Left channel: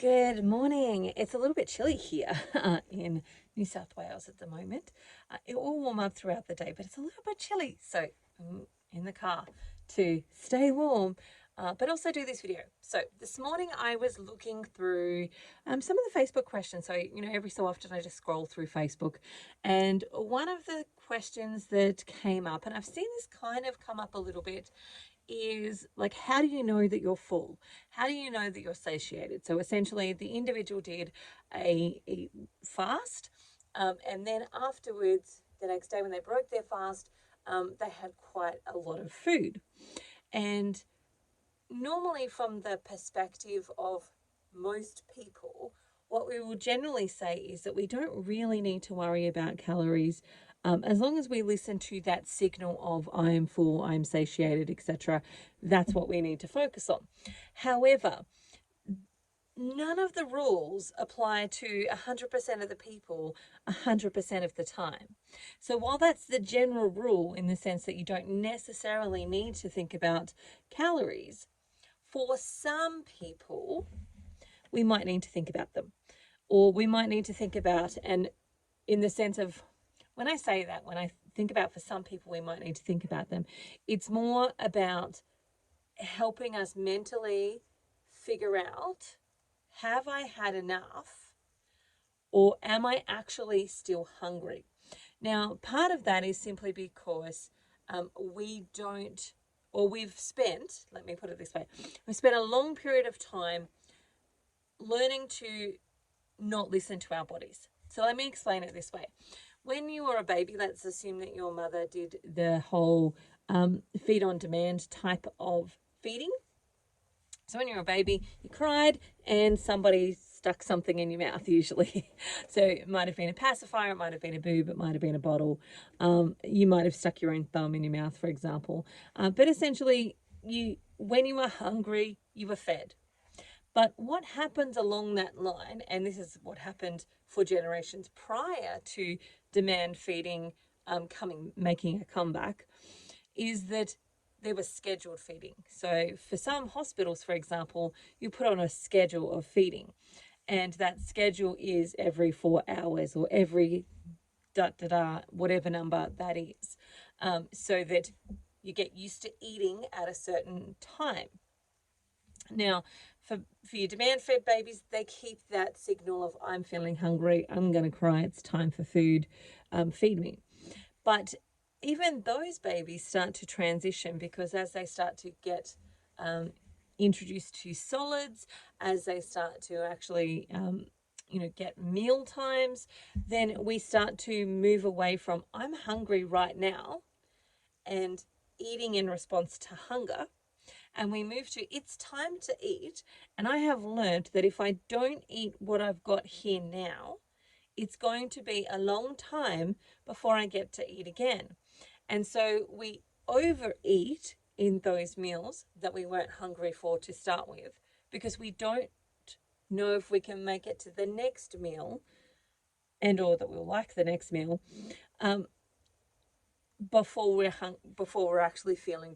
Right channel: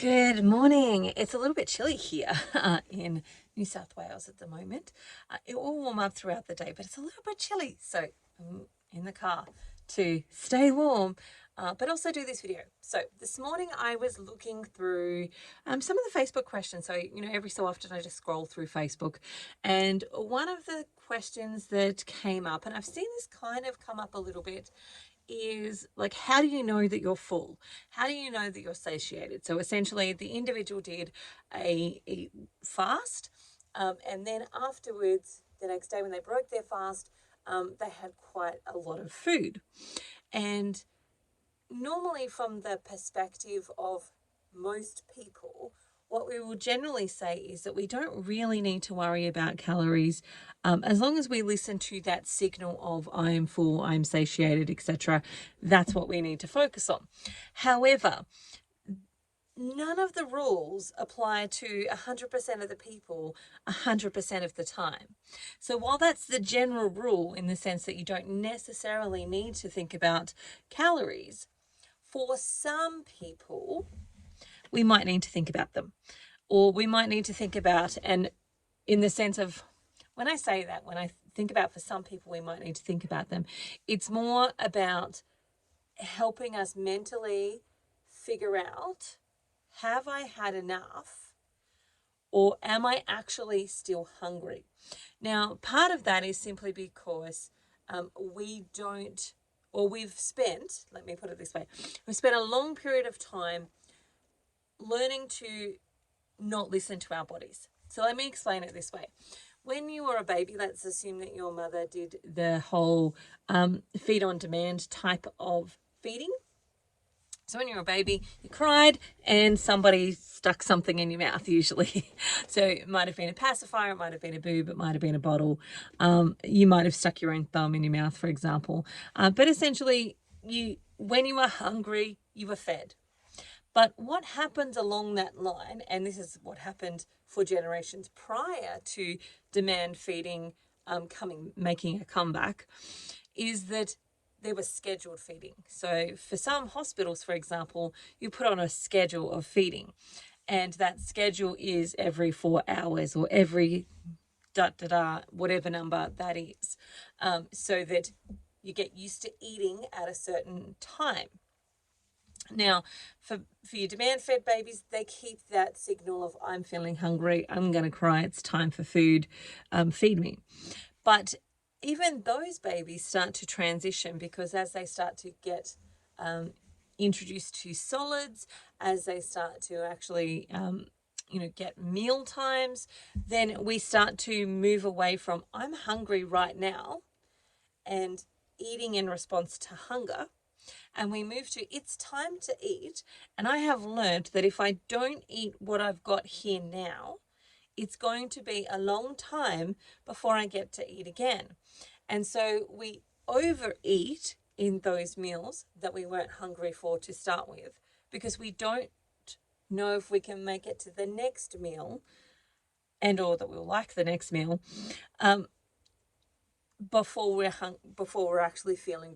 Good morning. It's a little bit chilly here in New South Wales at the moment. It will warm up throughout the day, but it's a little bit chilly. So I'm in the car to stay warm, but also do this video. So this morning I was looking through some of the Facebook questions. So, every so often I just scroll through Facebook. And one of the questions that came up, and I've seen this kind of come up a little bit, is like, how do you know that you're full? How do you know that you're satiated? So essentially the individual did a fast, and then afterwards, the next day when they broke their fast, they had quite a lot of food. And normally from the perspective of most people, what we will generally say is that we don't really need to worry about calories as long as we listen to that signal of I am full, I am satiated, etc. That's what we need to focus on. However, none of the rules apply to 100% of the people 100% of the time. So while that's the general rule in the sense that you don't necessarily need to think about calories, for some people, we might need to think about them, or we might need to think about, and in the sense of, when I say that, when I think about for some people, we might need to think about them, it's more about helping us mentally figure out, have I had enough, or am I actually still hungry? Now, part of that is simply because we don't, or we've spent, let me put it this way, we've spent a long period of time learning to not listen to our bodies. So let me explain it this way. When you were a baby, let's assume that your mother did the whole feed on demand type of feeding. So when you were a baby, you cried and somebody stuck something in your mouth usually. So it might have been a pacifier, it might have been a boob, it might have been a bottle. You might have stuck your own thumb in your mouth, for example. But essentially, when you were hungry, you were fed. But what happens along that line, and this is what happened for generations prior to demand feeding making a comeback, is that there was scheduled feeding. So for some hospitals, for example, you put on a schedule of feeding, and that schedule is every 4 hours or every whatever number that is, so that you get used to eating at a certain time. Now, for your demand-fed babies, they keep that signal of I'm feeling hungry, I'm going to cry, it's time for food, feed me. But even those babies start to transition, because as they start to get introduced to solids, as they start to actually get meal times, then we start to move away from I'm hungry right now and eating in response to hunger, and we move to it's time to eat. And I have learned that if I don't eat what I've got here now, it's going to be a long time before I get to eat again. And so we overeat in those meals that we weren't hungry for to start with, because we don't know if we can make it to the next meal, and or that we'll like the next meal, before we're actually feeling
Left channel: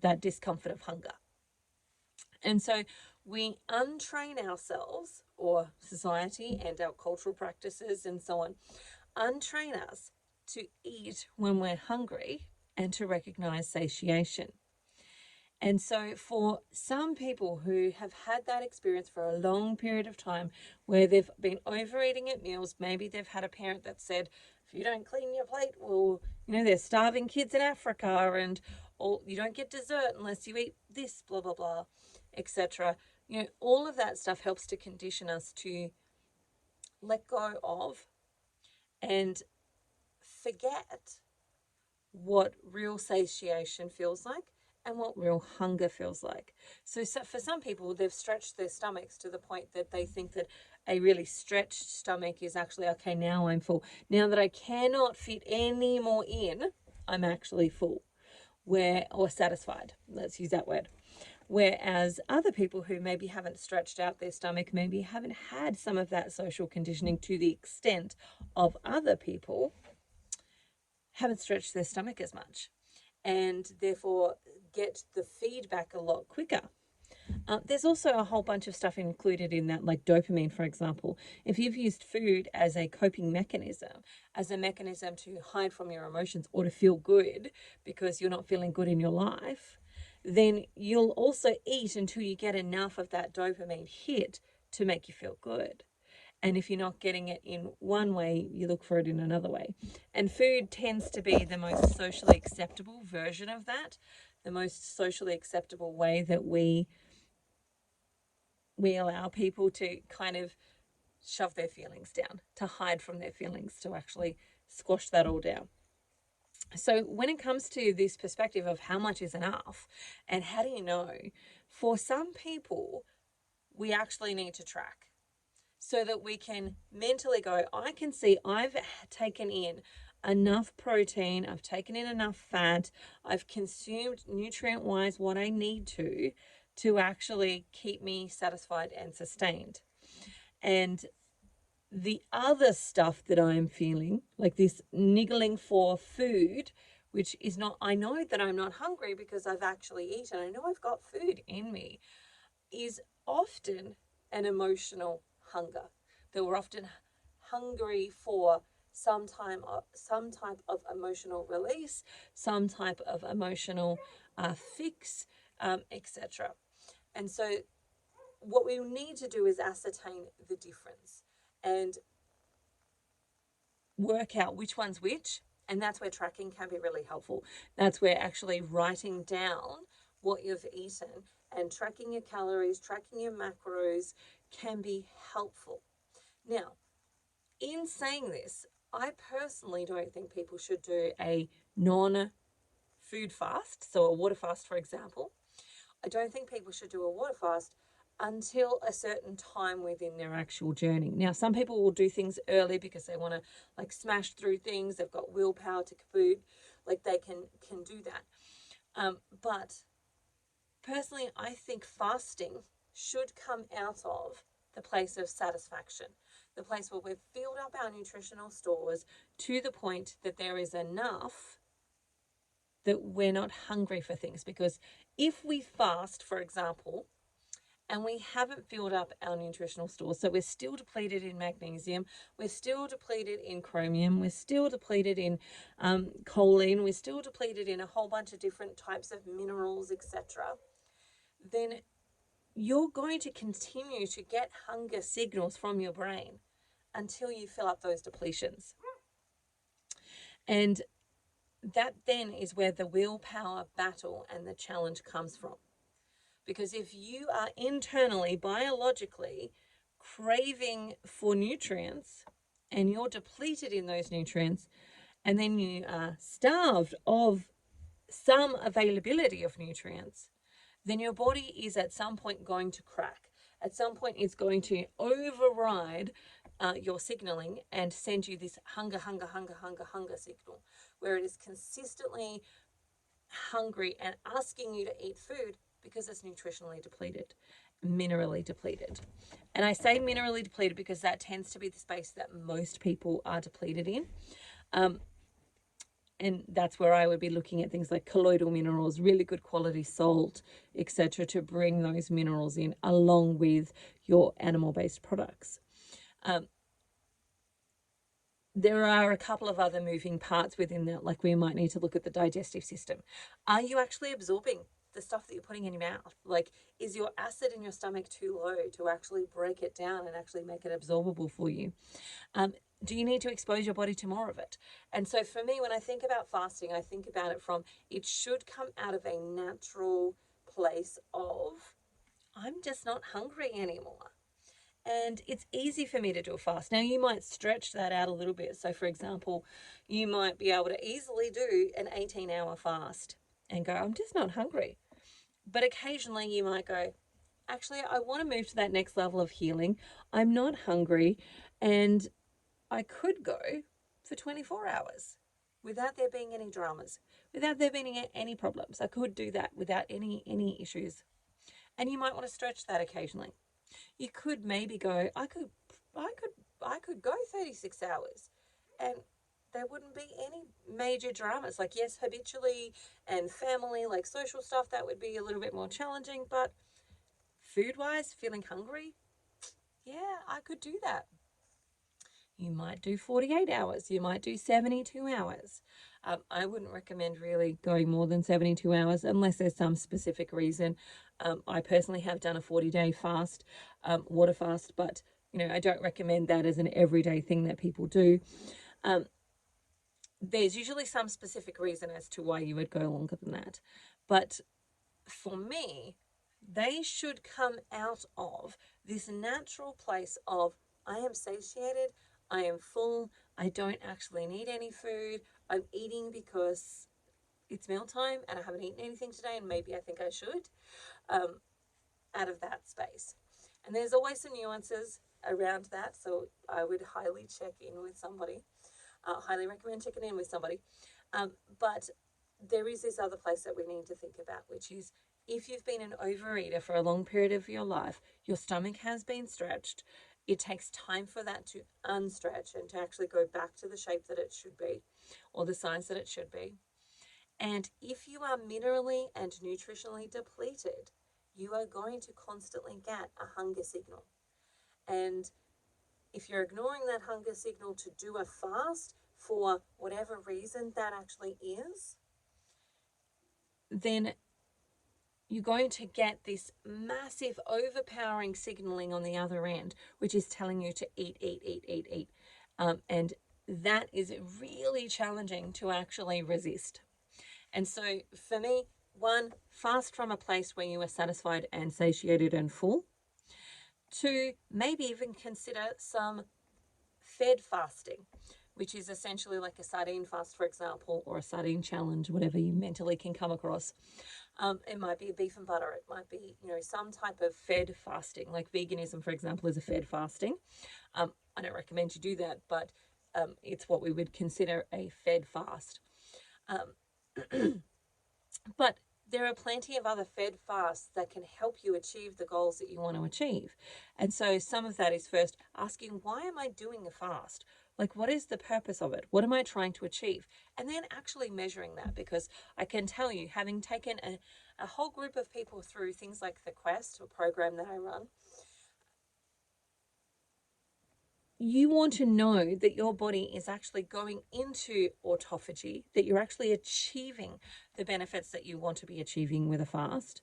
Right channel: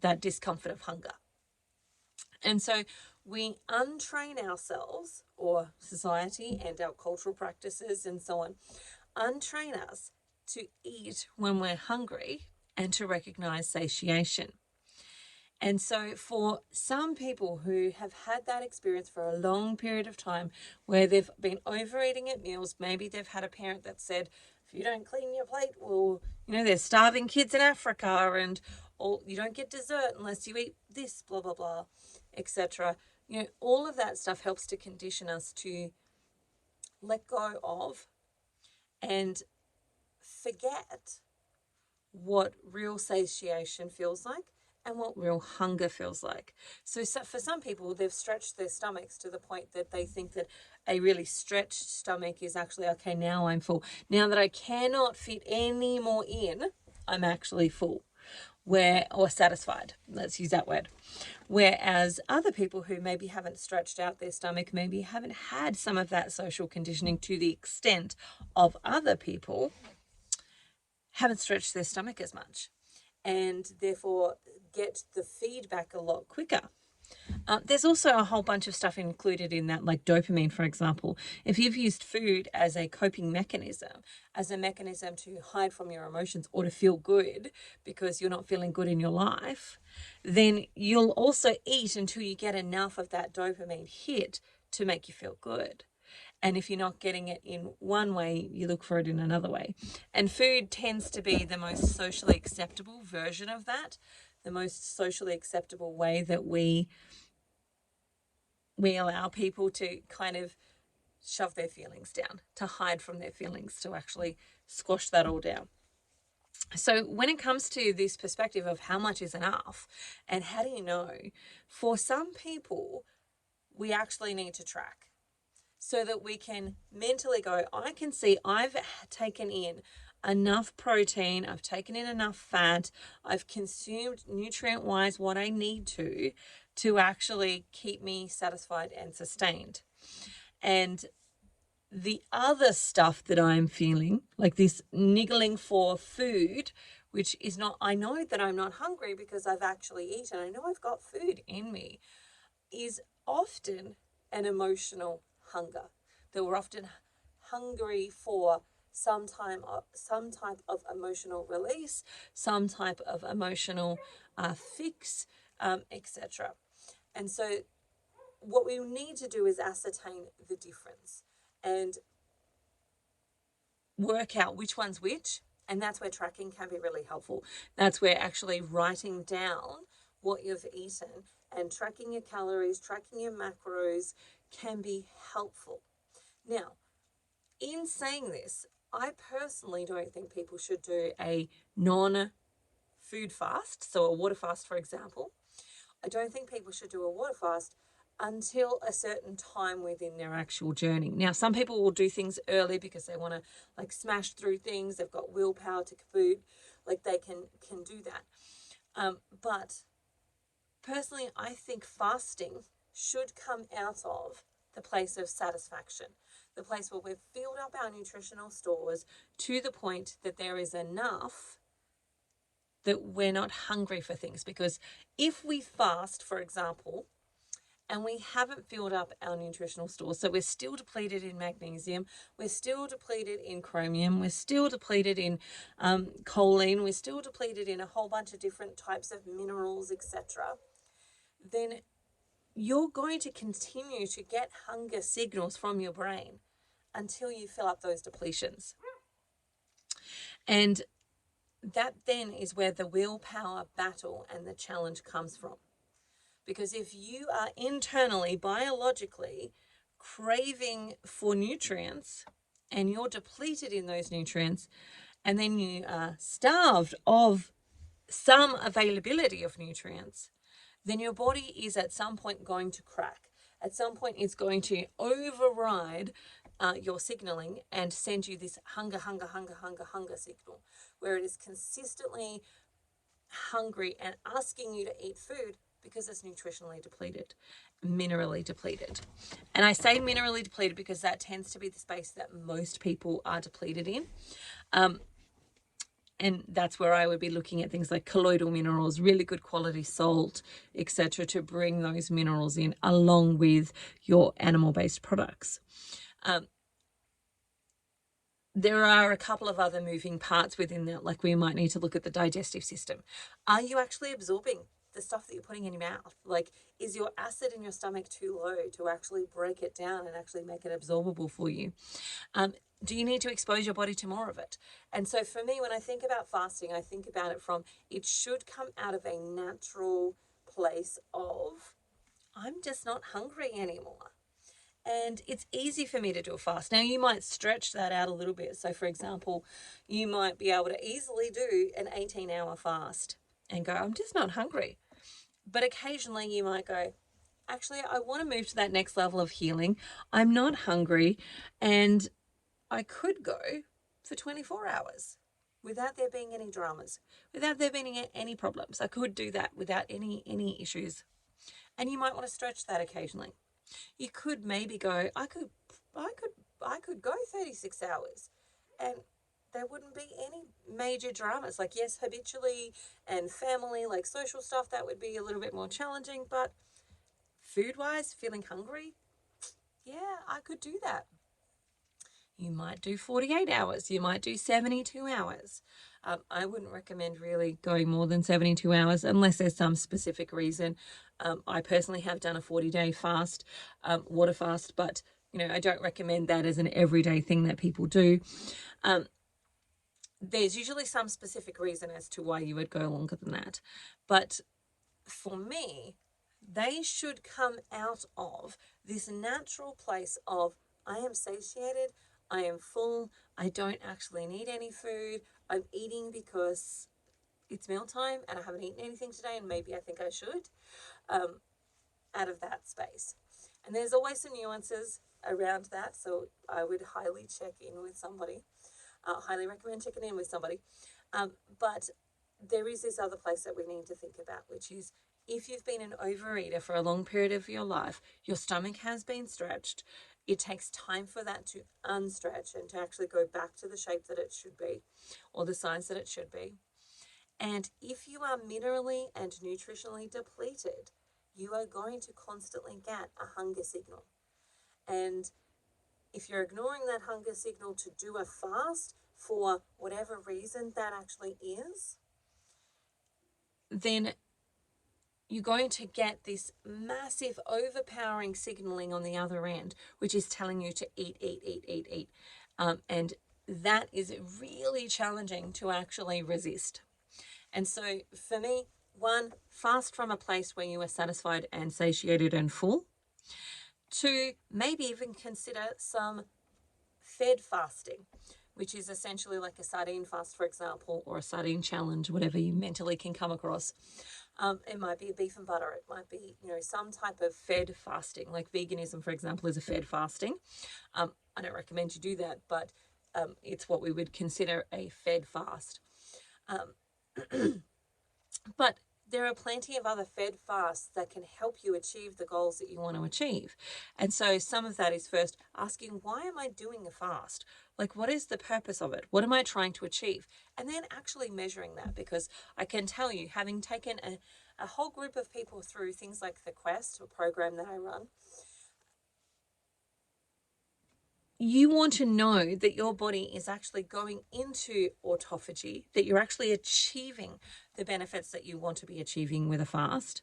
that discomfort of hunger. And so we untrain ourselves, or society and our cultural practices and so on, untrain us to eat when we're hungry and to recognize satiation. And so for some people who have had that experience for a long period of time, where they've been overeating at meals, maybe they've had a parent that said, if you don't clean your plate, well, there's starving kids in Africa, and or you don't get dessert unless you eat this, blah, blah, blah, etc. All of that stuff helps to condition us to let go of and forget what real satiation feels like and what real hunger feels like. So for some people, they've stretched their stomachs to the point that they think that a really stretched stomach is actually, okay, now I'm full. Now that I cannot fit any more in, I'm actually full, or satisfied. Let's use that word. Whereas other people who maybe haven't stretched out their stomach, maybe haven't had some of that social conditioning to the extent of other people, haven't stretched their stomach as much, and therefore get the feedback a lot quicker. There's also a whole bunch of stuff included in that, like dopamine, for example. If you've used food as a coping mechanism, as a mechanism to hide from your emotions or to feel good because you're not feeling good in your life, then you'll also eat until you get enough of that dopamine hit to make you feel good. And if you're not getting it in one way, you look for it in another way. And food tends to be the most socially acceptable version of that, the most socially acceptable way that we allow people to kind of shove their feelings down, to hide from their feelings, to actually squash that all down. So when it comes to this perspective of how much is enough and how do you know, for some people, we actually need to track so that we can mentally go, I can see I've taken in enough protein, I've taken in enough fat, I've consumed nutrient-wise what I need to actually keep me satisfied and sustained. And the other stuff that I'm feeling, like this niggling for food, which is not, I know that I'm not hungry because I've actually eaten, I know I've got food in me, is often an emotional hunger. That we're often hungry for some type of emotional release, some type of emotional fix, etc. And so what we need to do is ascertain the difference and work out which one's which. And that's where tracking can be really helpful. That's where actually writing down what you've eaten and tracking your calories, tracking your macros can be helpful. Now, in saying this, I personally don't think people should do a non-food fast, so a water fast, for example. I don't think people should do a water fast until a certain time within their actual journey. Now, some people will do things early because they want to like smash through things. They've got willpower to food, like they can do that. But personally, I think fasting should come out of the place of satisfaction, the place where we've filled up our nutritional stores to the point that there is enough that we're not hungry for things. Because if we fast, for example, and we haven't filled up our nutritional stores, so we're still depleted in magnesium, we're still depleted in chromium, we're still depleted in choline, we're still depleted in a whole bunch of different types of minerals, etc., then you're going to continue to get hunger signals from your brain until you fill up those depletions. And that then is where the willpower battle and the challenge comes from. Because if you are internally, biologically craving for nutrients and you're depleted in those nutrients, and then you are starved of some availability of nutrients, then your body is at some point going to crack. At some point, it's going to override your signaling and send you this hunger signal, where it is consistently hungry and asking you to eat food because it's nutritionally depleted, minerally depleted. And I say minerally depleted because that tends to be the space that most people are depleted in. And that's where I would be looking at things like colloidal minerals, really good quality salt, etc., to bring those minerals in along with your animal-based products. There are a couple of other moving parts within that, like we might need to look at the digestive system. Are you actually absorbing the stuff that you're putting in your mouth? Like, is your acid in your stomach too low to actually break it down and actually make it absorbable for you? Do you need to expose your body to more of it? And so for me, when I think about fasting, I think about it from, it should come out of a natural place of, I'm just not hungry anymore. And it's easy for me to do a fast. Now, you might stretch that out a little bit. So, for example, you might be able to easily do an 18-hour fast and go, I'm just not hungry. But occasionally you might go, actually, I want to move to that next level of healing. I'm not hungry, and I could go for 24 hours without there being any dramas, without there being any problems. I could do that without any issues. And you might want to stretch that occasionally. You could maybe go, I could go 36 hours and there wouldn't be any major dramas. Like, yes, habitually and family, like social stuff, that would be a little bit more challenging, but food-wise, feeling hungry, yeah, I could do that. You might do 48 hours. You might do 72 hours. I wouldn't recommend really going more than 72 hours unless there's some specific reason. I personally have done a 40-day fast, water fast, but I don't recommend that as an everyday thing that people do. There's usually some specific reason as to why you would go longer than that. But for me, they should come out of this natural place of, I am satiated, I am full, I don't actually need any food, I'm eating because it's mealtime and I haven't eaten anything today and maybe I think I should, out of that space. And there's always some nuances around that, so I would highly check in with somebody. Highly recommend checking in with somebody. But there is this other place that we need to think about, which is if you've been an overeater for a long period of your life, your stomach has been stretched, it takes time for that to unstretch and to actually go back to the shape that it should be or the size that it should be. And if you are minerally and nutritionally depleted, you are going to constantly get a hunger signal. And if you're ignoring that hunger signal to do a fast for whatever reason that actually is, then you're going to get this massive overpowering signaling on the other end, which is telling you to eat. And that is really challenging to actually resist. And so for me, one, fast from a place where you are satisfied and satiated and full. Two, maybe even consider some fed fasting, which is essentially like a sardine fast, for example, or a sardine challenge, whatever you mentally can come across. It might be a beef and butter. It might be, some type of fed fasting, like veganism, for example, is a fed fasting. I don't recommend you do that, but it's what we would consider a fed fast. But there are plenty of other fed fasts that can help you achieve the goals that you want to achieve. And so some of that is first asking, why am I doing a fast? Like, what is the purpose of it? What am I trying to achieve? And then actually measuring that, because I can tell you, having taken a whole group of people through things like the Quest, a program that I run, you want to know that your body is actually going into autophagy, that you're actually achieving the benefits that you want to be achieving with a fast,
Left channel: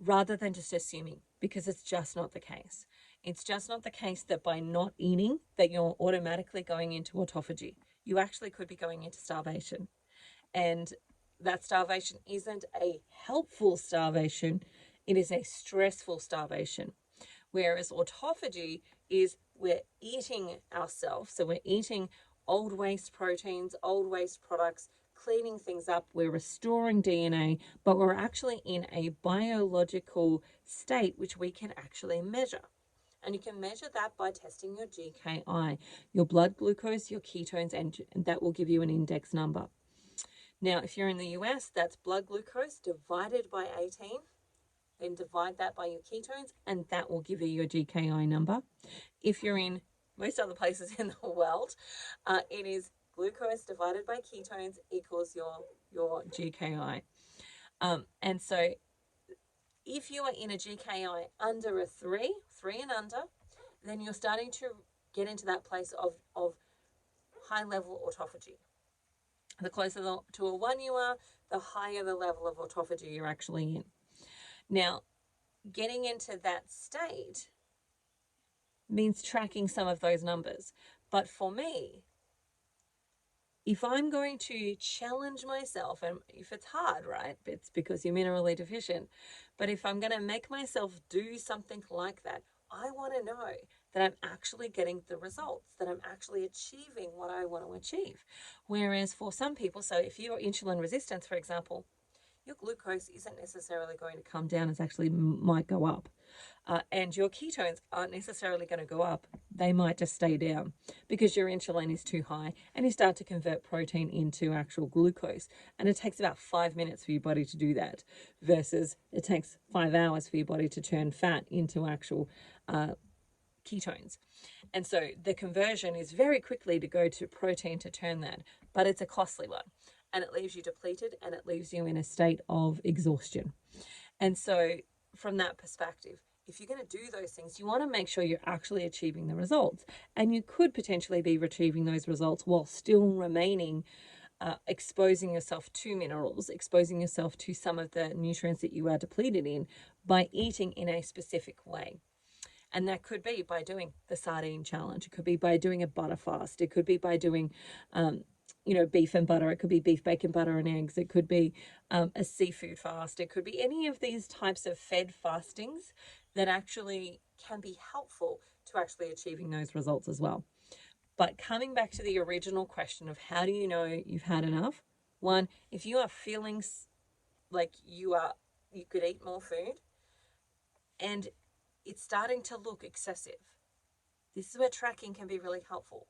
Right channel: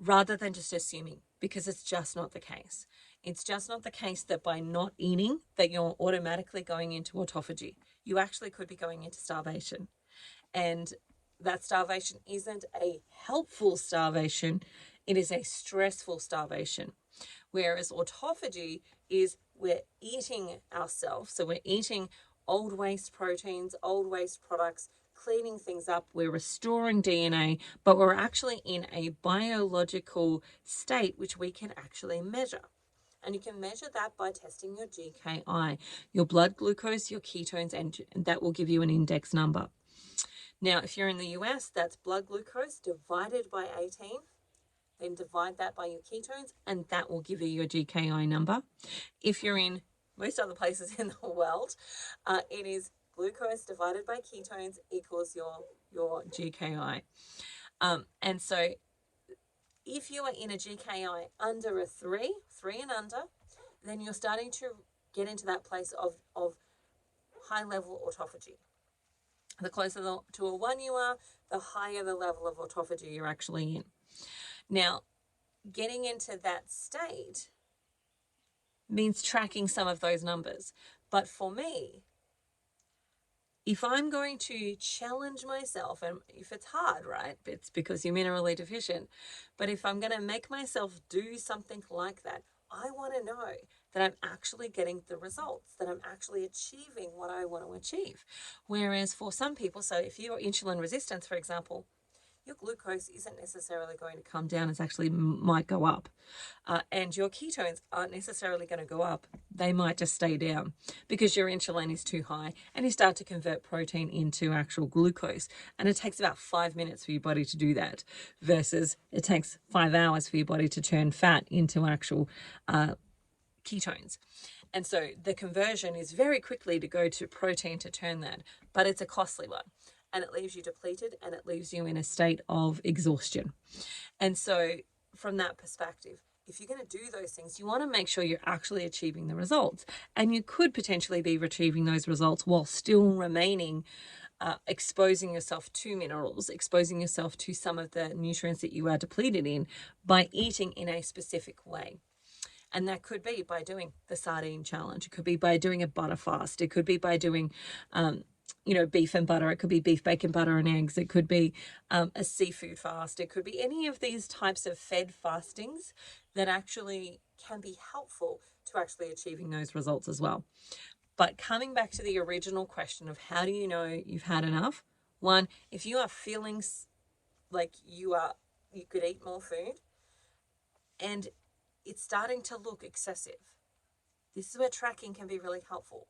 rather than just assuming, because it's just not the case. It's just not the case that by not eating that you're automatically going into autophagy. You actually could be going into starvation. And that starvation isn't a helpful starvation, it is a stressful starvation. Whereas autophagy is we're eating ourselves. So we're eating old waste proteins, old waste products, cleaning things up. We're restoring DNA, but we're actually in a biological state which we can actually measure. And you can measure that by testing your GKI, your blood glucose, your ketones, and that will give you an index number. Now, if you're in the US, that's blood glucose divided by 18. Then divide that by your ketones, and that will give you your GKI number. If you're in most other places in the world, it is glucose divided by ketones equals your GKI. And so if you are in a GKI under a 3 and under, then you're starting to get into that place of high level autophagy. The closer to a 1 you are, the higher the level of autophagy you're actually in. Now, getting into that state means tracking some of those numbers. But for me, if I'm going to challenge myself, and if it's hard, right, it's because you're minerally deficient, but if I'm going to make myself do something like that, I want to know that I'm actually getting the results, that I'm actually achieving what I want to achieve. Whereas for some people, so if you're insulin resistant, for example, your glucose isn't necessarily going to come down, it actually might go up. And your ketones aren't necessarily going to go up. They might just stay down because your insulin is too high, and you start to convert protein into actual glucose. And it takes about 5 minutes for your body to do that, versus it takes 5 hours for your body to turn fat into actual ketones. And so the conversion is very quickly to go to protein to turn that, but it's a costly one. And it leaves you depleted, and it leaves you in a state of exhaustion. And so from that perspective, if you're going to do those things, you want to make sure you're actually achieving the results. And you could potentially be achieving those results while still remaining exposing yourself to minerals, exposing yourself to some of the nutrients that you are depleted in by eating in a specific way. And that could be by doing the sardine challenge. It could be by doing a butter fast. It could be by doing, beef and butter. It could be beef, bacon, butter, and eggs. It could be a seafood fast. It could be any of these types of fed fastings that actually can be helpful to actually achieving those results as well. But coming back to the original question of how do you know you've had enough? One, if you are feeling like you could eat more food and it's starting to look excessive, this is where tracking can be really helpful.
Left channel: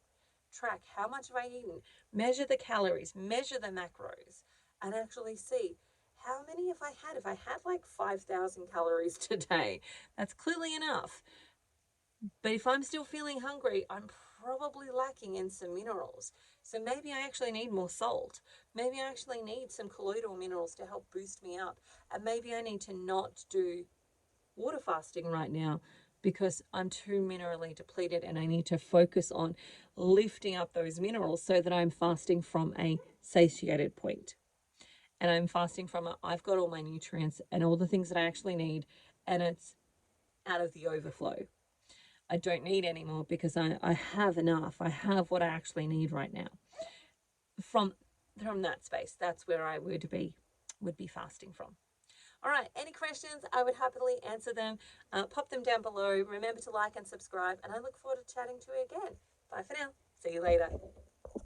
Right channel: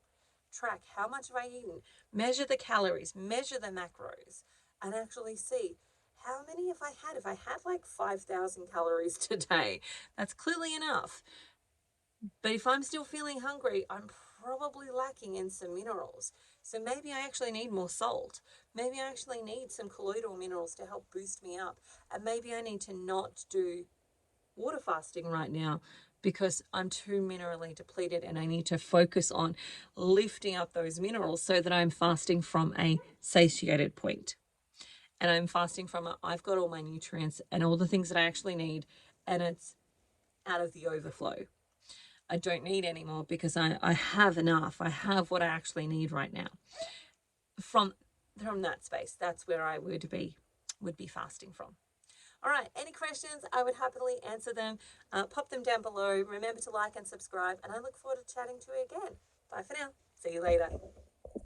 Track how much have I eaten, measure the calories, measure the macros, and actually see how many have I had. If I had like 5,000 calories today, that's clearly enough. But if I'm still feeling hungry, I'm probably lacking in some minerals. So maybe I actually need more salt. Maybe I actually need some colloidal minerals to help boost me up. And maybe I need to not do water fasting right now because I'm too minerally depleted and I need to focus on lifting up those minerals so that I'm fasting from a satiated point. And I'm fasting from I've got all my nutrients and all the things that I actually need, and it's out of the overflow. I don't need any more because I have enough. I have what I actually need right now. From that space, that's where I would be fasting from. All right, any questions? I would happily answer them. Pop them down below. Remember to like and subscribe, and I look forward to chatting to you again. Bye for now. See you later.